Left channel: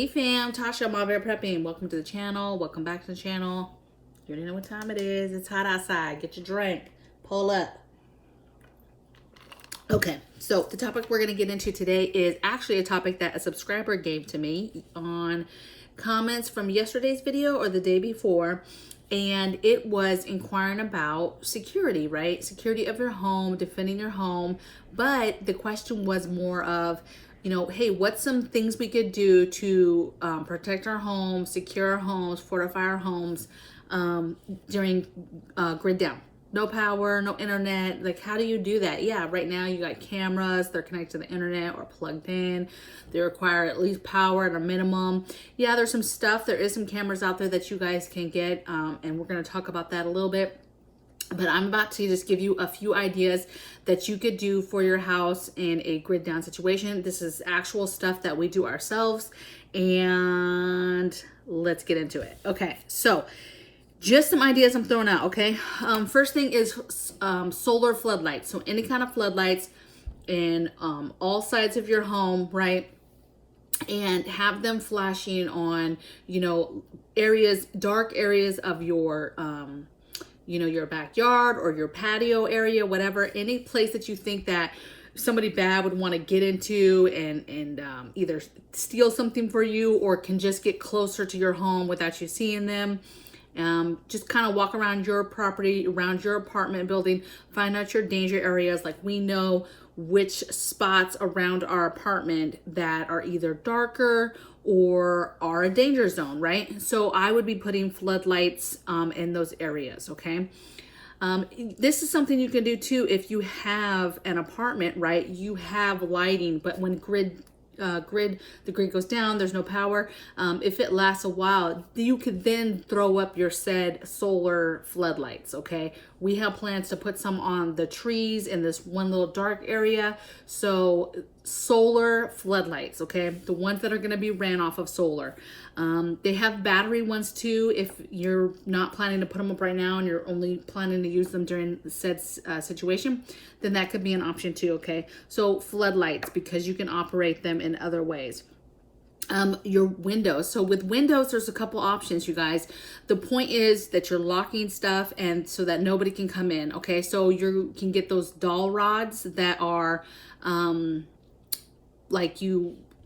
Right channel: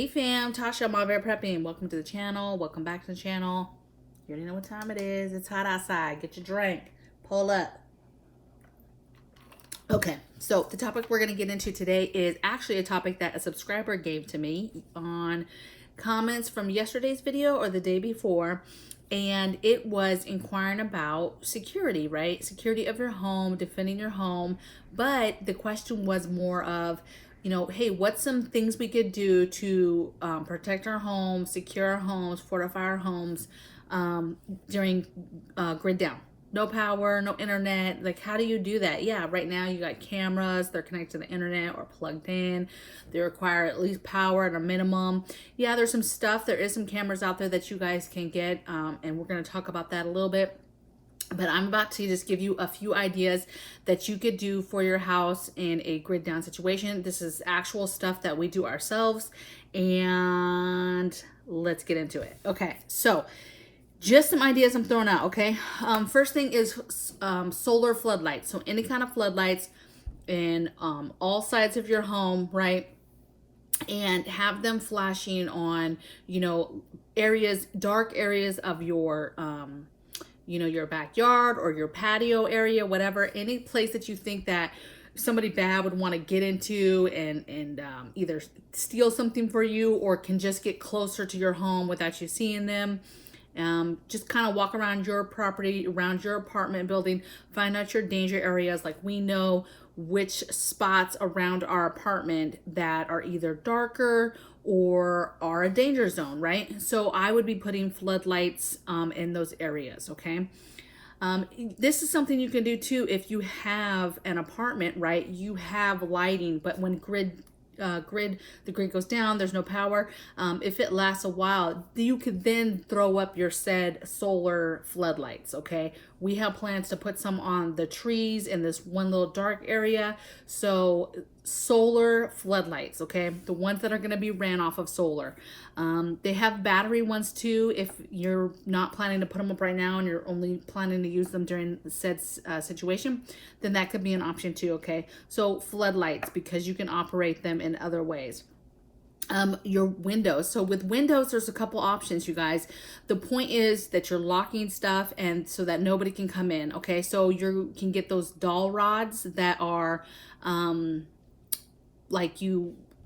Hey fam, Tasha, MAMABEAR Prepping. Welcome to the channel. Welcome back to the channel. You already know what time it is. It's hot outside. Get your drink. Pull up. Okay, so the topic we're going to get into today is actually a topic that a subscriber gave to me on comments from yesterday's video or the day before. And it was inquiring about security, right? Security of your home, defending your home. But the question was more of, you know, hey, what's some things we could do to protect our homes, secure our homes, fortify our homes during grid down? No power, no internet. Like, how do you do that? Yeah, right now you got cameras. They're connected to the internet or plugged in. They require at least power at a minimum. Yeah, there's some stuff. There is some cameras out there that you guys can get, and we're going to talk about that a little bit. But I'm about to just give you a few ideas that you could do for your house in a grid down situation. This is actual stuff that we do ourselves, and let's get into it. Okay, so just some ideas I'm throwing out, okay? First thing is solar floodlights. So any kind of floodlights in all sides of your home, right? And have them flashing on, you know, areas, dark areas of your, you know, your backyard or your patio area, whatever, any place that you think that somebody bad would want to get into and either steal something for you or can just get closer to your home without you seeing them. Just kind of walk around your property, around your apartment building, find out your danger areas. Like, we know which spots around our apartment that are either darker or are a danger zone, right? So I would be putting floodlights in those areas, okay? This is something you can do too if you have an apartment, right? You have lighting, but when the grid goes down, there's no power. If it lasts a while, you could then throw up your said solar floodlights, okay? We have plans to put some on the trees in this one little dark area. So solar floodlights, okay? The ones that are gonna be ran off of solar. They have battery ones too. If you're not planning to put them up right now and you're only planning to use them during said situation, then that could be an option too, okay? So floodlights, because you can operate them in other ways. Your windows. So with windows, there's a couple options, you guys. The point is that you're locking stuff and so that nobody can come in, okay? So you can get those dowel rods that are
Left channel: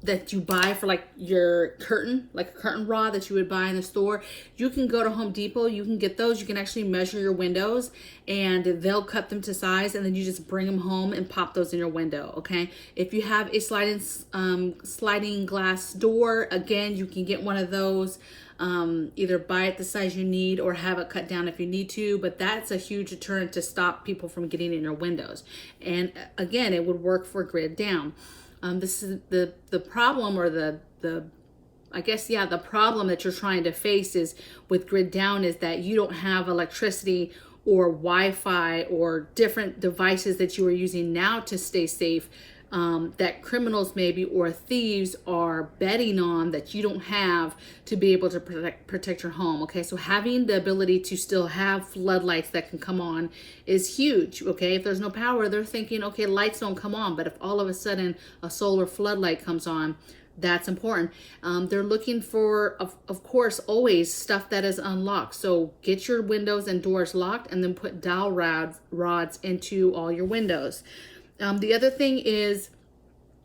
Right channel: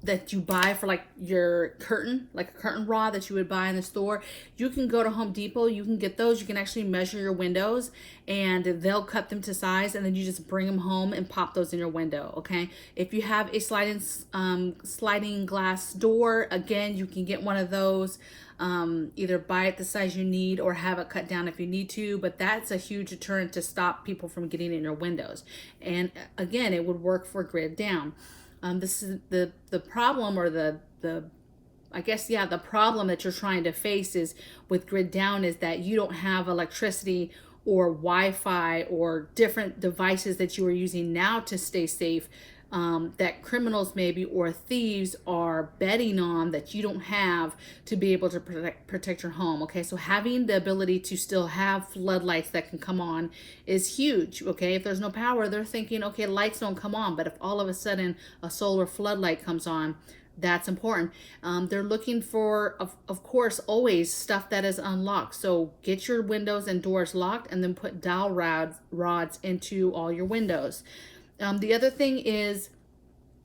that you buy for like your curtain, like a curtain rod that you would buy in the store. You can go to Home Depot, you can get those. You can actually measure your windows and they'll cut them to size, and then you just bring them home and pop those in your window, okay? If you have a sliding glass door, again, you can get one of those. Either buy it the size you need or have it cut down if you need to, but that's a huge deterrent to stop people from getting in your windows. And again, it would work for grid down. This is the problem, or the problem that you're trying to face is with grid down is that you don't have electricity or Wi-Fi or different devices that you are using now to stay safe, that criminals maybe or thieves are betting on that you don't have to be able to protect your home, okay? So having the ability to still have floodlights that can come on is huge, okay? If there's no power, they're thinking, okay, lights don't come on, but if all of a sudden a solar floodlight comes on, that's important. They're looking for, of course, always stuff that is unlocked. So get your windows and doors locked and then put dowel rods into all your windows. The other thing is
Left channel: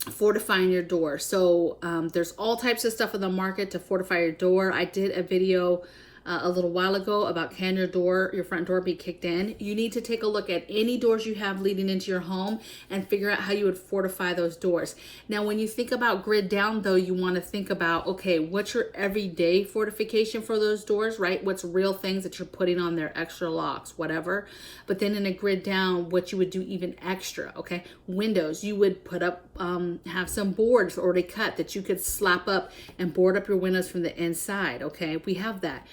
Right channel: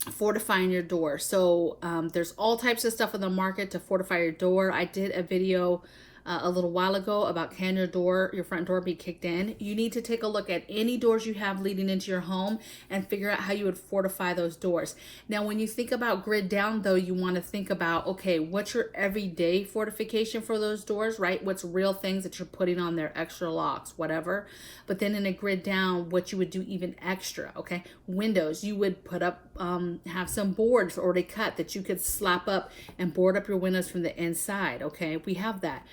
fortifying your door. So there's all types of stuff on the market to fortify your door. I did a video a little while ago about, can your front door be kicked in? You need to take a look at any doors you have leading into your home and figure out how you would fortify those doors. Now, when you think about grid down though, you want to think about, okay, what's your everyday fortification for those doors, right? What's real things that you're putting on there, extra locks, whatever. But then in a grid down, what you would do even extra, okay? Windows, you would put up, have some boards already cut that you could slap up and board up your windows from the inside, okay? We have that.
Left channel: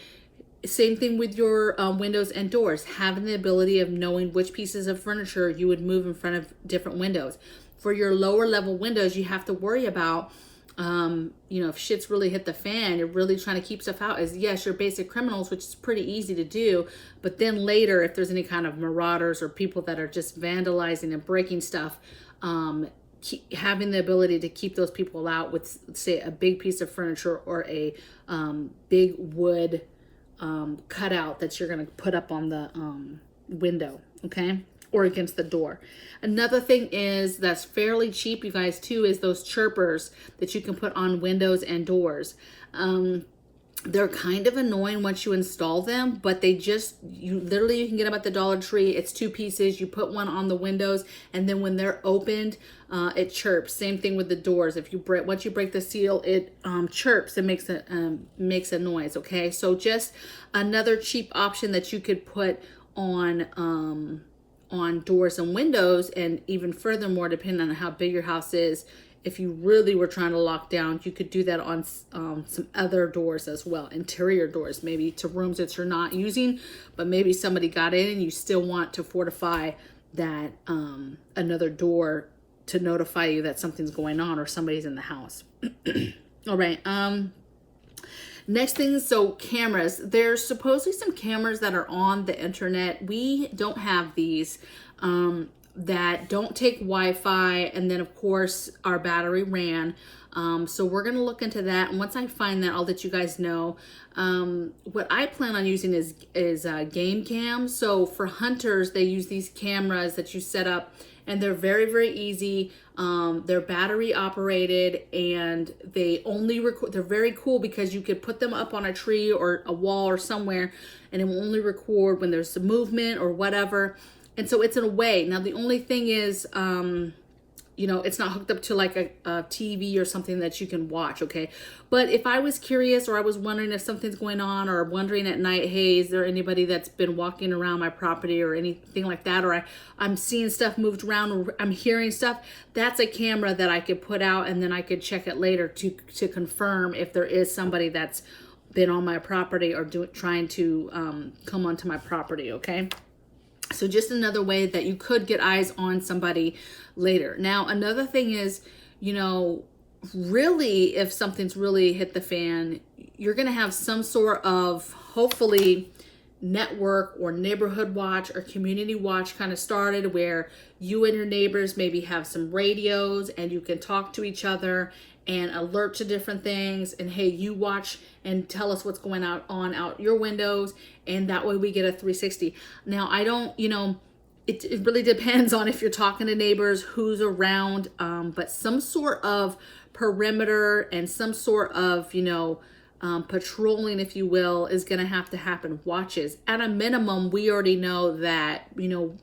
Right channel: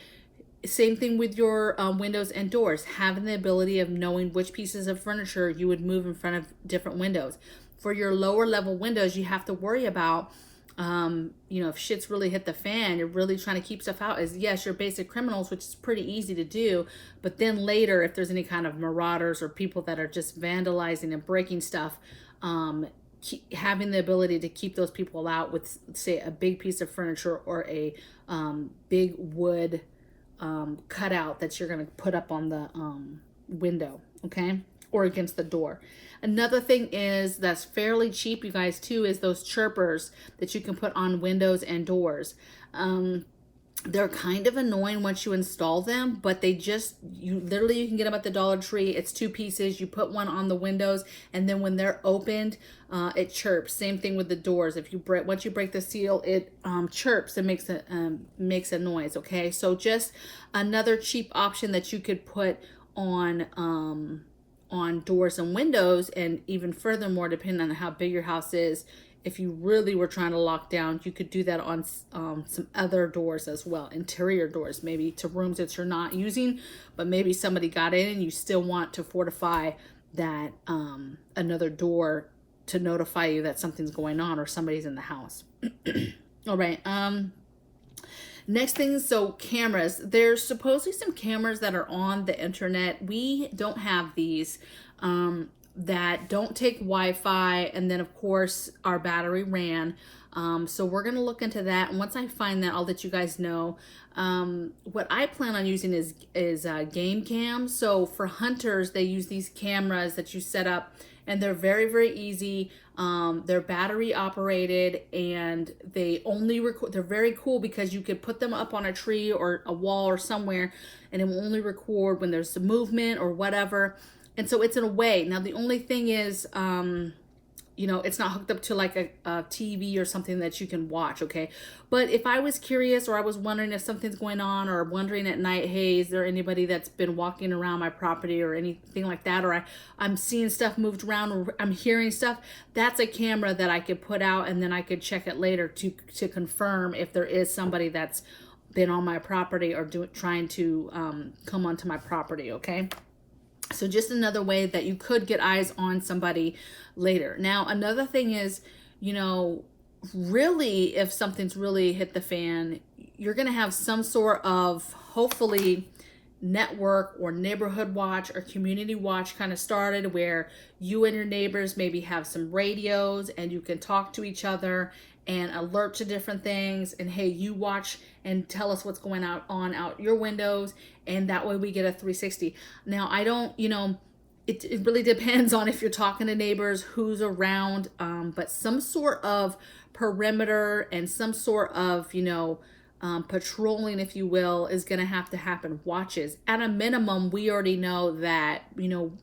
Same thing with your windows and doors, having the ability of knowing which pieces of furniture you would move in front of different windows. For your lower level windows, you have to worry about, you know, if shit's really hit the fan, you're really trying to keep stuff out, is yes, your basic criminals, which is pretty easy to do. But then later, if there's any kind of marauders or people that are just vandalizing and breaking stuff, having the ability to keep those people out with, say, a big piece of furniture or a big wood cutout that you're going to put up on the window, okay, or against the door. Another thing is that's fairly cheap, you guys, too, is those chirpers that you can put on windows and doors. They're kind of annoying once you install them, but you can get them at the Dollar Tree. It's 2 pieces. You put one on the windows, and then when they're opened, it chirps. Same thing with the doors. Once you break the seal, it chirps and makes a noise. Okay, so just another cheap option that you could put on doors and windows, and even furthermore, depending on how big your house is. If you really were trying to lock down, you could do that on some other doors as well, interior doors, maybe to rooms that you're not using, but maybe somebody got in and you still want to fortify that another door to notify you that something's going on or somebody's in the house. All right. Next thing, so cameras. There's supposedly some cameras that are on the internet. We don't have these. That don't take Wi-Fi, and then of course our battery ran. So we're gonna look into that, and once I find that, I'll let you guys know. What I plan on using is game cam. So for hunters, they use these cameras that you set up, and they're very, very easy. They're battery operated, and they only record. They're very cool because you could put them up on a tree or a wall or somewhere, and it will only record when there's some movement or whatever. And so it's in a way. Now, the only thing is, it's not hooked up to like a TV or something that you can watch, okay? But if I was curious, or I was wondering if something's going on, or wondering at night, hey, is there anybody that's been walking around my property or anything like that, or I'm seeing stuff moved around, or I'm hearing stuff, that's a camera that I could put out, and then I could check it later to confirm if there is somebody that's been on my property or trying to come onto my property, okay? So just another way that you could get eyes on somebody later. Now, another thing is, really, if something's really hit the fan, you're going to have some sort of, hopefully, network or neighborhood watch or community watch kind of started, where you and your neighbors maybe have some radios and you can talk to each other and alert to different things, and hey, you watch and tell us what's going on out your windows, and that way we get a 360. Now, I don't, it really depends on if you're talking to neighbors, who's around, but some sort of perimeter and some sort of, patrolling, if you will, is going to happen. Watches. At a minimum, we already know that,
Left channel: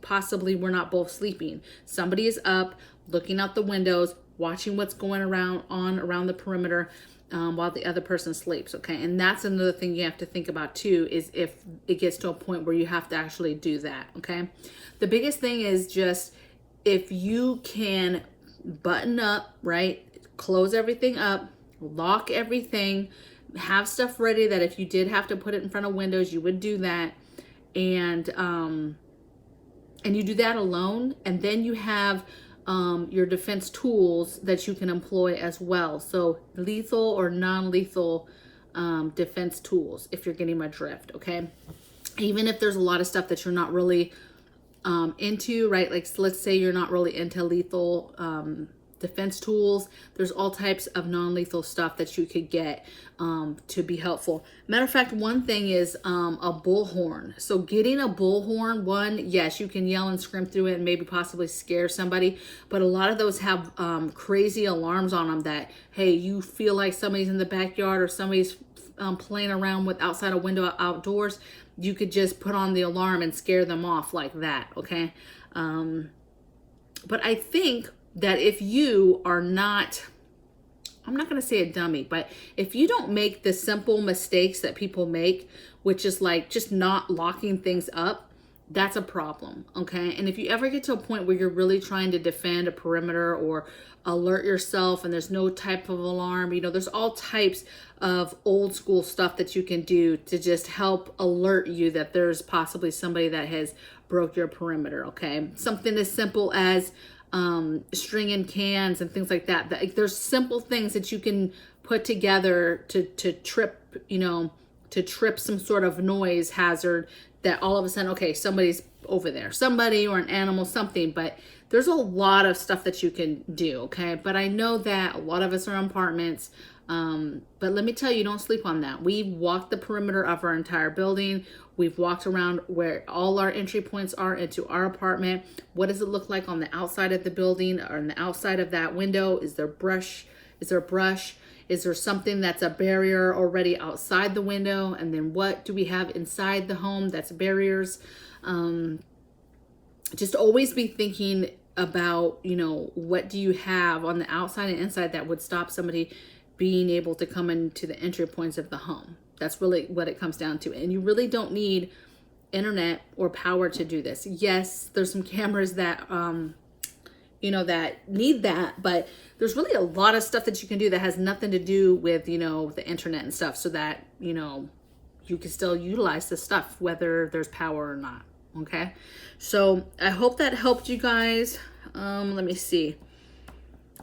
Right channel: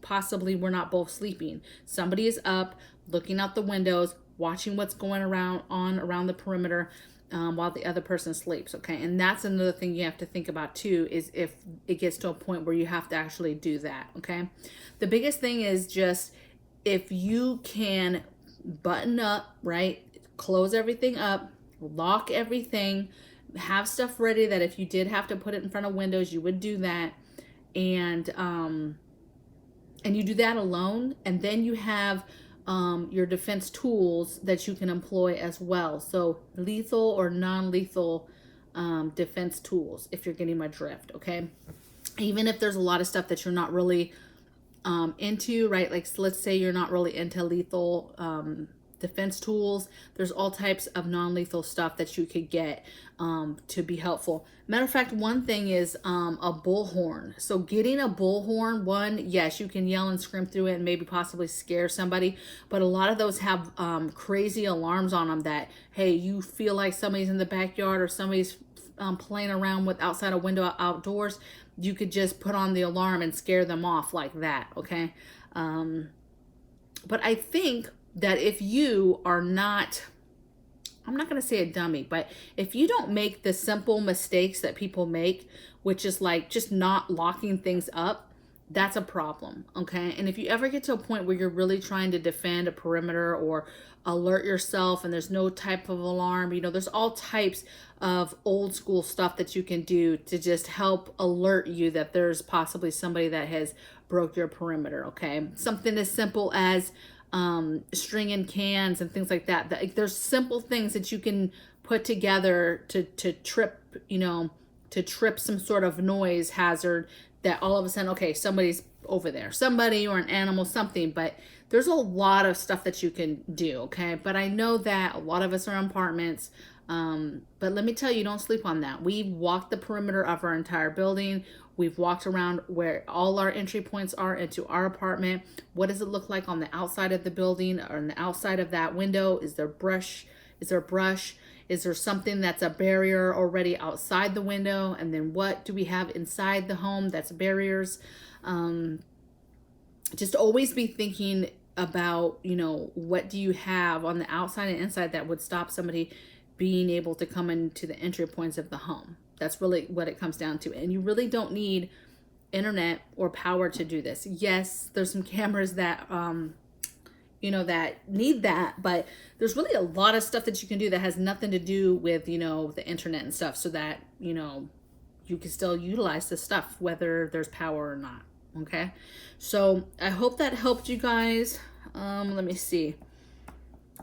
possibly we're not both sleeping. Somebody is up, looking out the windows, watching what's going around the perimeter, while the other person sleeps, okay? And that's another thing you have to think about too, is if it gets to a point where you have to actually do that, okay? The biggest thing is just, if you can button up, right? Close everything up, lock everything, have stuff ready that if you did have to put it in front of windows, you would do that. And you do that alone, and then you have your defense tools that you can employ as well. So lethal or non-lethal defense tools, if you're getting my drift, okay? Even if there's a lot of stuff that you're not really into, right? Like, let's say you're not really into lethal defense tools, there's all types of non-lethal stuff that you could get to be helpful. Matter of fact, one thing is a bullhorn. So getting a bullhorn, yes, you can yell and scream through it and maybe possibly scare somebody, but a lot of those have crazy alarms on them that, hey, you feel like somebody's in the backyard or somebody's playing around with outside a window outdoors, you could just put on the alarm and scare them off like that, okay? But I think that if you are not, I'm not going to say a dummy, but if you don't make the simple mistakes that people make, which is like just not locking things up, that's a problem, okay? And if you ever get to a point where you're really trying to defend a perimeter or alert yourself and there's no type of alarm, there's all types of old school stuff that you can do to just help alert you that there's possibly somebody that has broke your perimeter, okay? Something as simple as stringing cans and things like that. There's simple things that you can put together to trip, to trip some sort of noise hazard that all of a sudden, okay, somebody's over there, somebody or an animal, something, but there's a lot of stuff that you can do, okay? But I know that a lot of us are in apartments, but let me tell you, don't sleep on that. We've walked the perimeter of our entire building. We've walked around where all our entry points are into our apartment. What does it look like on the outside of the building or on the outside of that window? Is there brush? Is there brush? Is there something that's a barrier already outside the window? And then what do we have inside the home that's barriers? Just always be thinking about, you know, what do you have on the outside and inside that would stop somebody being able to come into the entry points of the home. That's really what it comes down to. And you really don't need internet or power to do this. Yes, there's some cameras that, you know, that need that, but there's really a lot of stuff that you can do that has nothing to do with, you know, the internet and stuff, so that, you know, you can still utilize this stuff, whether there's power or not. Okay. So I hope that helped you guys. Let me see.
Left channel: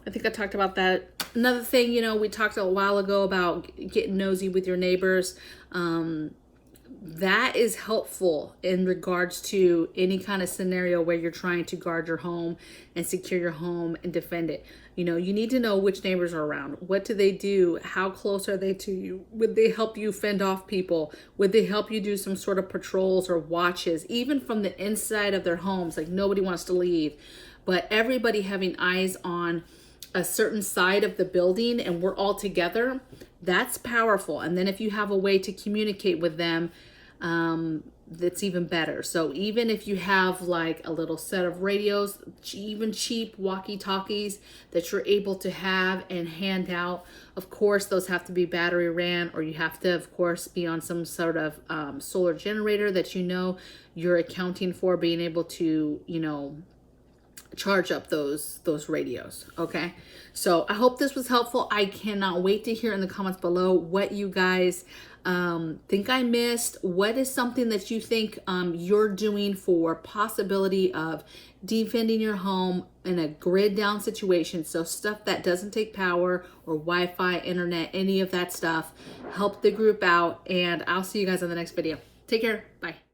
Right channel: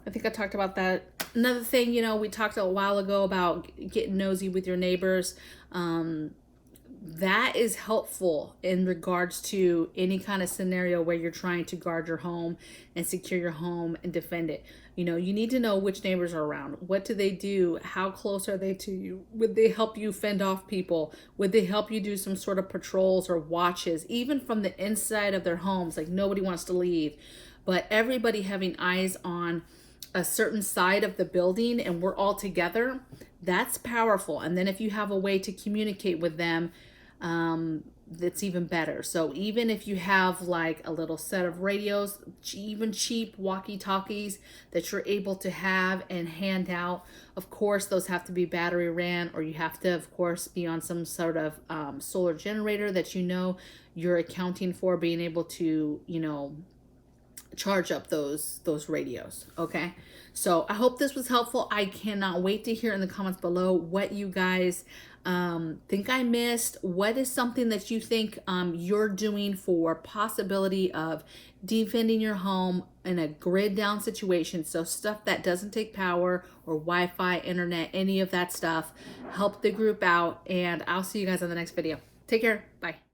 I think I talked about that. Another thing, you know, we talked a while ago about getting nosy with your neighbors. That is helpful in regards to any kind of scenario where you're trying to guard your home and secure your home and defend it. You know, you need to know which neighbors are around. What do they do? How close are they to you? Would they help you fend off people? Would they help you do some sort of patrols or watches, even from the inside of their homes? Like, nobody wants to leave, but everybody having eyes on a certain side of the building and we're all together, that's powerful. And then if you have a way to communicate with them, that's even better. So even if you have like a little set of radios, even cheap walkie-talkies that you're able to have and hand out, of course those have to be battery ran, or you have to of course be on some sort of solar generator that, you know, you're accounting for being able to, you know, charge up those radios. Okay, so I hope this was helpful. I cannot wait to hear in the comments below what you guys think I missed. What is something that you think you're doing for possibility of defending your home in a grid down situation? So stuff that doesn't take power or Wi-Fi, internet, any of that stuff. Help the group out, and I'll see you guys on the next video. Take care. Bye.